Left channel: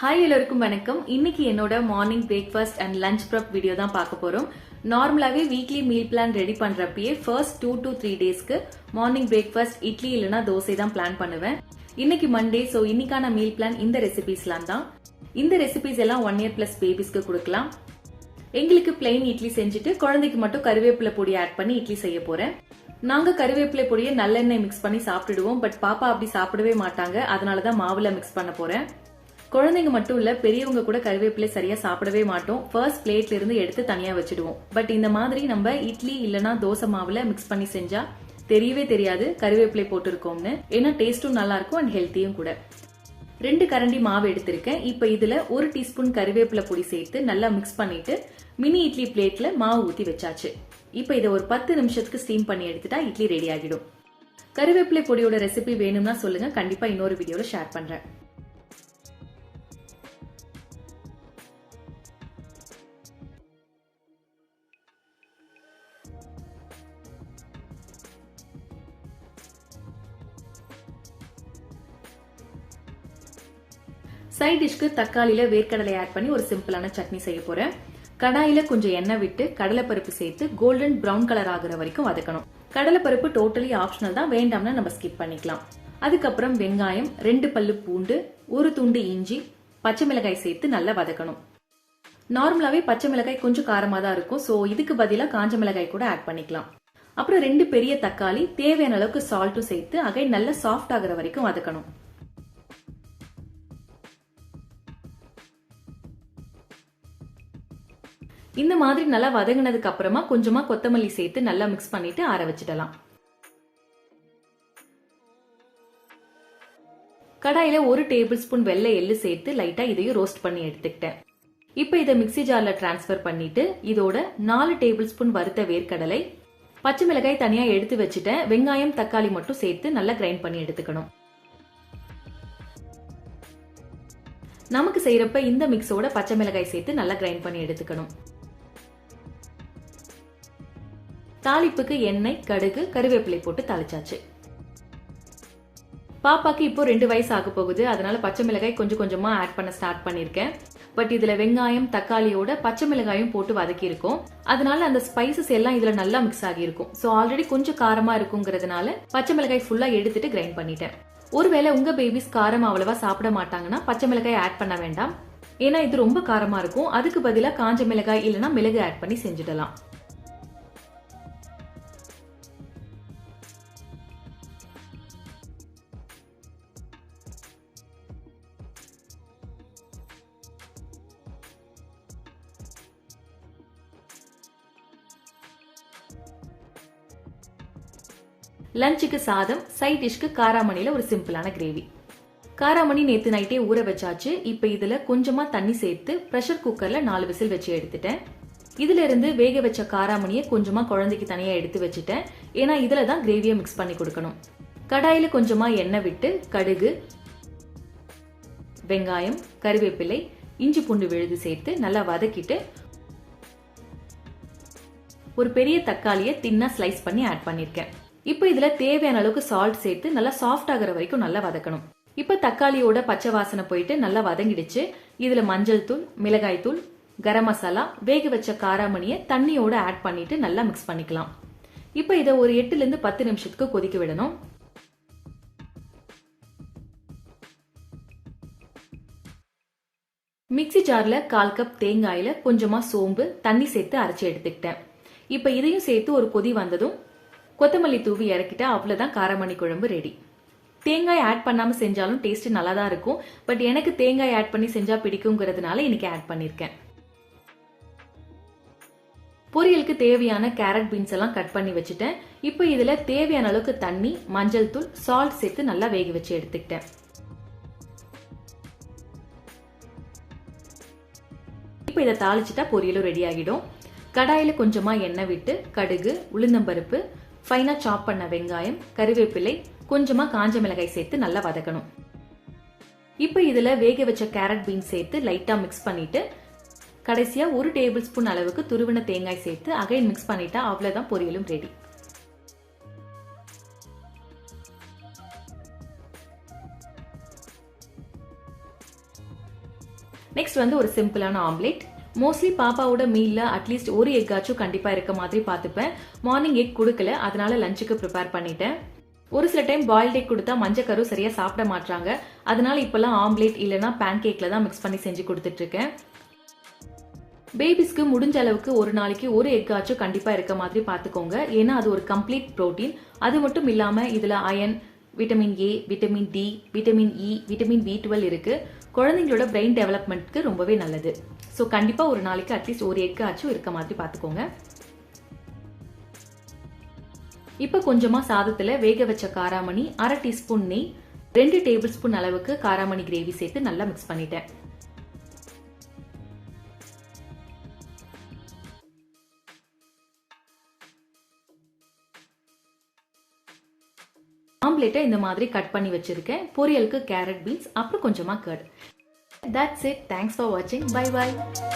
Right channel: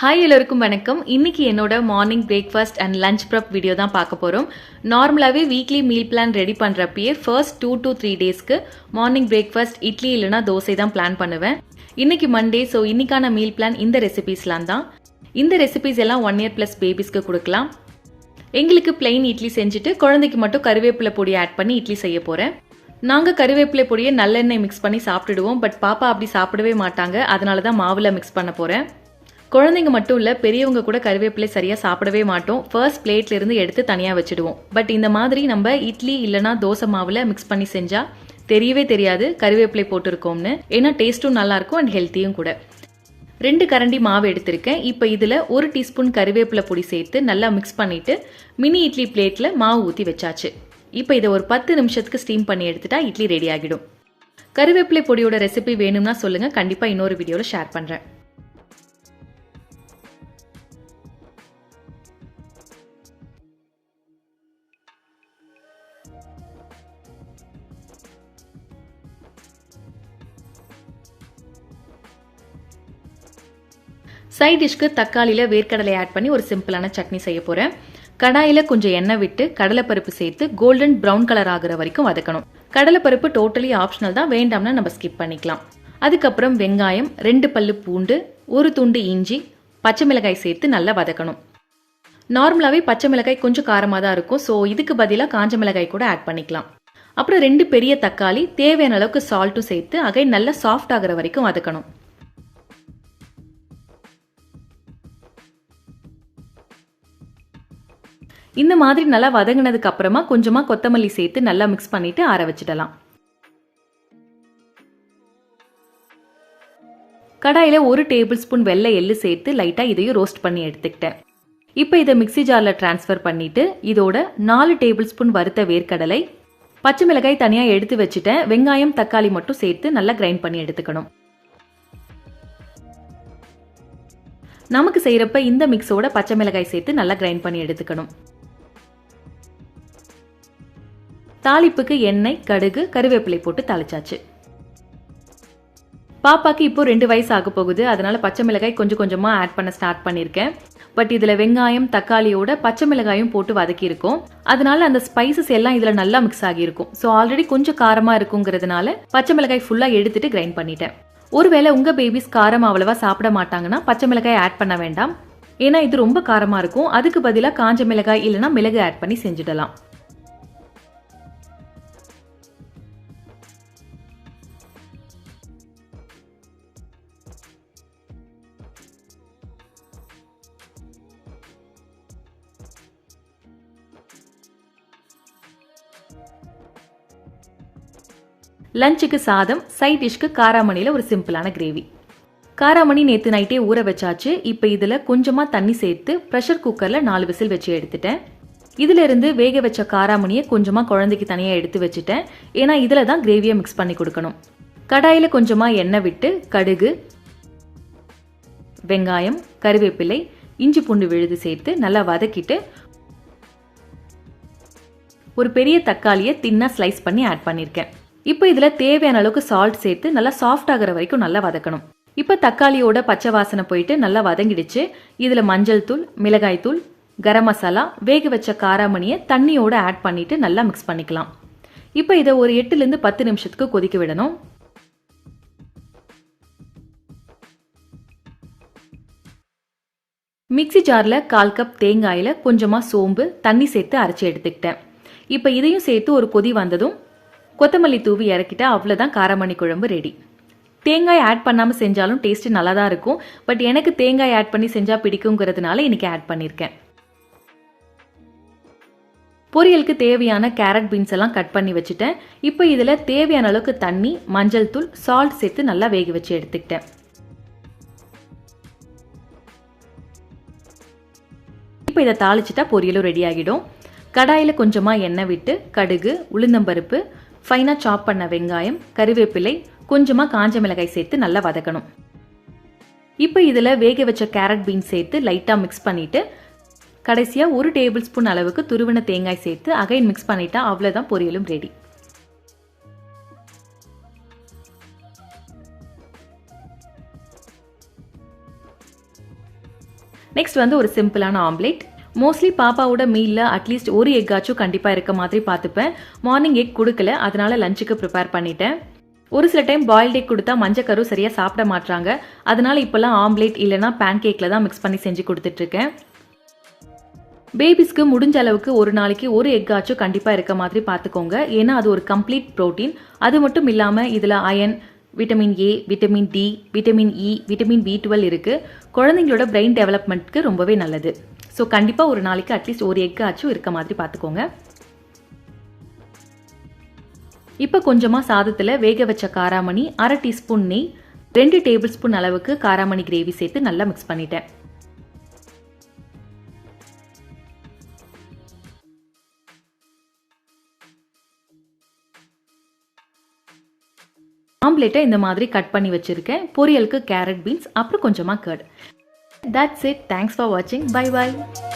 Hi எல்லோருக்கும் வணக்கம். இன்னைக்கு என்னோட morning breakfast and lunch prep video தான் பார்க்க போகிறோம் நார்மலாகவே வீக்லி மீல் பிளான் ரெடி பண்ணுறப்பயே ஃபர்ஸ்ட் டூ டு த்ரீ டேஸ்க்கு மார்னிங் பிரேக்ஃபாஸ்ட் இட்லி இல்லைனா தோசை தான் பிளான் பண்ணுவேன். இன்னைக்கு மண்டே ஸோ இன்னைக்கான மீல் பிளான் இந்த ரெசிபீஸ்லாம் தான். இந்த ரெசிபீஸ் எல்லாம் ஒன் இயர் ப்ளஸ் பேபிஸ்க்கு கொடுக்கலாம். எங்களுக்கு பிளெயின் இட்லி செஞ்சுட்டு குழந்தைக்கு மட்டும் கருவேப்பிலை பொடி ஆட் பண்ணி இட்லி செய்ய போகிறேன் நாங்கள் கருவேப்பிலை பொடியை நல்லெண்ணெய் மிக்ஸ் பண்ணி சாப்பிட்டுடுவோம் பட் பாப்பா அப்படி சாப்பிடவே மாட்டாங்க. அதனால தான் மாவில் மிக்ஸ் பண்ண போகிறேன் குழந்தைங்க மட்டும் இல்ல பெரியவங்க கூட கருவேப்பிலை சரியா சாப்பிடவே மாட்டோம். ஃபர்ஸ்ட் பிளேட்ல இருந்து எடுத்து தனியா வச்சிடுவோம். பட் இந்த மாதிரி நம்ம இட்லி இல்லனா தோசை மாவுல மிக்ஸ் பண்ணி செஞ்சா தெரியவே தெரியாது கருவேப்பிலை போட்டிருக்கோம்னு. ஏன்னா டேஸ்ட்டும் நல்லா இருக்கும் அண்ட் ஹெல்த்தியும் கூட. ரெண்டு கரண்டி மாவு எடுத்திருக்கேன். இப்போ இதில் ஒரு டீஸ்பூன் கருவேப்பிலை பொடி சேர்த்து நல்லா மிக்ஸ் பண்ணிட்டு மினி இட்லி பிளேட்டில் மாவு ஊற்றி வச்சாச்சு. இப்போ இதை ஒரு பத்து நிமிஷத்துக்கு ஸ்டீம் பண்ணி எடுத்துட்டா இட்லி ரெடி ஆகிடும். கருவேப்பிலை பொடியோட ரெசிபி வேணும்னா சொல்லுங்கள் கண்டிப்பாக இன்னொரு வீடியோவில் ஷேர் பண்ணுறேன் சைட் டிஷ்க்கு தக்காளியில் வேர்க்கடலை ஆட் பண்ணி ஒரு சிம்பிளான சட்னி செய்ய போகிறேன் கடாயில் கொஞ்சம் எண்ணெய் விட்டு கடலைப்பருப்பு சேர்த்து கோல்டன் ப்ரௌன் கலர் ஆகிற வரைக்கும் வதக்கணும். கடலைப்பருப்பு டோட்டலி ஆப்ஷனல் தான். வேண்டாம்னா நம்ம ஸ்கிப் பண்ணிக்கலாம். அதுக்கப்புறம் வெங்காயம் ரெண்டு பல்லு பூண்டு ஒரு துண்டு இஞ்சி பச்சை மிளகாய் சேர்த்து நல்லா வதக்கணும். நார்மலாகவே பச்சை மிளகாய் கொஞ்சம் காரமாக தான் இருக்கும். ஸோ இதுக்கு பதிலாக காஞ்ச மிளகாய் கூட ஆட் பண்ணிக்கலாம். அப்புறம் ரெண்டு பெரிய தக்காளி தேவையான அளவுக்கு சால்ட்டும் சேர்த்து அகை நல்லா சாஃப்ட் ஆகிற வரைக்கும் வதக்கணும். இந்த மாதிரி நல்லா வதங்கினதுக்கு அப்புறமா கொஞ்சமா கொத்தமல்லி சேர்த்து நல்லா மிக்ஸ் பண்ணிட்டு ஆற வச்சிடலாம். கடாயில ஒரு டேபிள் ஸ்பூன் வெள்ளை எள்ளு சேர்த்து லைட்டா இதையும் ரோஸ்ட் பண்ணி எடுத்துக்கிட்டேன். இப்போ இதை மிக்ஸி ஜார்ல டிரான்ஸ்ஃபர் பண்ணிட்டு இதோட நாலு டேபிள் ஸ்பூன் வறுத்த வேர்க்கடலை பச்சை மிளகாய் தனியா எடுத்து வச்சுட்டேன். வெங்காயம் தக்காளி மட்டும் சேர்த்து நல்லா கிரைண்ட் பண்ணி எடுத்துக்கணும். நமக்கு செய்யறப்ப இந்த மிக்ஸோட பச்சை மிளகாய் சேர்த்து நல்லா கிரைண்ட் பண்ணி எடுத்துக்கணும். தாளிப்புக்கு எண்ணெய் கடுகு கருவேப்பிலை போட்டு தாளிச்சாச்சு. பாப்பாக்கு இப்போ ரெண்டு வயசு ஆக போகுது. அதனால பச்சை மிளகாய் கொஞ்சம் கொஞ்சமா ஆட் பண்ண ஸ்டார்ட் பண்ணிருக்கேன். பட் இதுல வெங்காயம் தக்காளியோட பச்சை மிளகாயும் போட்டு வதக்கி இருக்கும். அதனால அந்த ஸ்பைசஸ் எல்லாம் இதுல நல்லா மிக்ஸ் ஆகி இருக்கும். ஸோ ஆல்ரெடி கொஞ்சம் காரமா இருக்குங்கிறதுனால பச்சை மிளகாய் ஃபுல்லா எடுத்துட்டு கிரைண்ட் பண்ணிட்டேன். ஒருவேளை உங்க பேபிஸ் காரம் அவ்வளவா சாப்பிட மாட்டாங்கன்னா பச்சை மிளகாய் ஆட் பண்ண வேண்டாம். ஏன்னா இது ரொம்ப காரமா இருக்கும். அதுக்கு பதிலாக காஞ்ச மிளகாய் இல்லைன்னா மிளகு ஆட் பண்ணி செஞ்சிடலாம். லஞ்சுக்கு சாதம் சைட் டிஷ்க்கு காராமணியில் ஒரு சிம்பிளான கிரேவி காராமணி நேற்று நைட்டே ஊற வச்சாச்சு. இப்போ இதில் கொஞ்சமாக தண்ணி சேர்த்து ப்ரெஷர் குக்கரில் நாலு விசில் வச்சு எடுத்துட்டேன். இதிலிருந்து வேக வச்ச காராமணியை கொஞ்சமாக குழந்தைக்கு தனியாக எடுத்து வச்சுட்டேன். ஏன்னா இதில் தான் கிரேவியை மிக்ஸ் பண்ணி கொடுக்கணும். கடாயில் கொஞ்சமாக எண்ணெய் விட்டு கடுகு வெங்காயம் கருவேப்பிலை இஞ்சி பூண்டு விழுது சேர்த்து நல்லா வதக்கிட்டு ஒரு பெரிய தக்காளியை தின்னா ஸ்லைஸ் பண்ணி ஆட் பண்ணியிருக்கேன் இப்போ இதில் தேவையான அளவுக்கு சால்ட் சேர்த்து நல்லா சாஃப்ட் ஆகிற வரைக்கும் நல்லா வதக்கணும். இப்போ தக்காளியோட பச்சை வாசனை போயிட்டு நல்லா வதங்கிடுச்சு. இதில் மஞ்சள் தூள் மிளகாய் தூள் கரம் மசாலா வேக வச்ச காராமணியை தண்ணியோட ஆட் பண்ணிட்டு நல்லா மிக்ஸ் பண்ணிக்கலாம். இப்போ இதை ஒரு எட்டுலேருந்து பத்து நிமிஷத்துக்கு கொதிக்க விடணும். மிக்ஸி ஜாரில் கால் கப் தேங்காயில் கொஞ்சமாக சோம்பு தண்ணி சேர்த்து அரைச்சி எடுத்துக்கிட்டேன். இப்போ இதையும் சேர்த்து ஒரு கொதி வந்ததும் கொத்தமல்லி தூவி இறக்கிட்டா அவ்வளோதான் காரமணி குழம்பு ரெடி தேங்காய் ஆட் பண்ணாமல் செஞ்சாலும் டேஸ்ட் நல்லா தான் இருக்கும். பட் எனக்கு தேங்காய் ஆட் பண்ணி செஞ்சால் பிடிக்குங்கிறதுனால இன்னைக்கு ஆட் பண்ணியிருக்கேன் பொரியலுக்கு தேவையான கேரட் பீன்ஸ் எல்லாம் கட் பண்ணி வச்சுட்டேன். இப்போ இதில் தேவையான அளவுக்கு தண்ணி மஞ்சள் தூள் சால்ட் சேர்த்து நல்லா வேக வச்சு எடுத்துக்கிட்டேன். இப்போ இதை தாளிச்சிட்டா பொரியலும் ரெடி ஆகிடும். கடாயில் கொஞ்சமாக எண்ணெய் விட்டு கடுகு உளுந்தம்பருப்பு ஃபைனாக சாப் பண்ண வெங்காயம் கருவேப்பிலை கொஞ்சமாக காஞ்ச மிளகாய் சேர்த்து நல்லா வதக்கணும். இப்போ இதில் வேக வச்ச கேரட் பீன்ஸ் சேர்த்து லைட்டாக மிக்ஸ் பண்ணிவிட்டு கடைசியாக ஒரு டேபிள் ஸ்பூன் அளவுக்கு துருவின தேங்காய் சேர்த்து அகைன் மிக்ஸ் பண்ணிட்டா அவ்வளோதான் பொரியலும் ரெடி நெக்ஸ்ட் வந்து ஒரு சிம்பிளான ஆம்லேட் மோஸ்ட்லி பாப்பாவோட மீலில் அட்லீஸ்ட் ஒரு எக்காச்சும் கண்டிப்பாக இருக்க மாதிரி பார்த்துப்பேன். மார்னிங் எக் கொடுக்கல அதனால லஞ்சுக்கு ப்ரிப்பேர் பண்ணிட்டேன். ஒரு சில டைம் பாயில்ட் எக் கொடுத்தா மஞ்சக்கரு சரியாக சாப்பிட மாட்டாங்க அதனால இப்போல்லாம் ஆம்லேட் இல்லைனா பேன் கேக்கில் தான் மிக்ஸ் பண்ணி செஞ்சு கொடுத்துட்ருக்கேன். பேபிஸ்க்கு முடிஞ்ச அளவுக்கு ஒரு நாளைக்கு ஒரு எக்காச்சும் கண்டிப்பாக இருக்க மாதிரி பார்த்துக்கோங்க. ஏன்னா அது ஒரு கம்ப்ளீட் ப்ரோட்டீன் அது மட்டும் இல்லாமல் இதில் iron vitamin A vitamin D vitamin E vitamin B twelve இருக்குது குழந்தைங்களோட பிரெயின் டெவலப்மெண்ட்க்கு ரொம்பவே நல்லது. ஸோ கண்டிப்பாக ஒரு நாளைக்கு அட்லீஸ்ட் ஒரு எக்கு ஆச்சும் இருக்க மாதிரி பார்த்துக்கோங்க. இப்போ கொஞ்சமாக சாதத்தில் வேக வச்ச காராமணி அரை டீஸ்பூன் நெய் ரெண்டு டேபிள் ஸ்பூன் அளவுக்கு காராமணி கிரேவி சேர்த்து நல்லா மிக்ஸ் பண்ணிட்டேன். ஆம்லேட்டை இந்த மாதிரி கட் பண்ணி வச்சிருக்கேன். பொரியலுக்கு கேரட் பீன்ஸ் அப்புறம் கொஞ்சமாக curd That's it. Thanks for watching. Bye bye.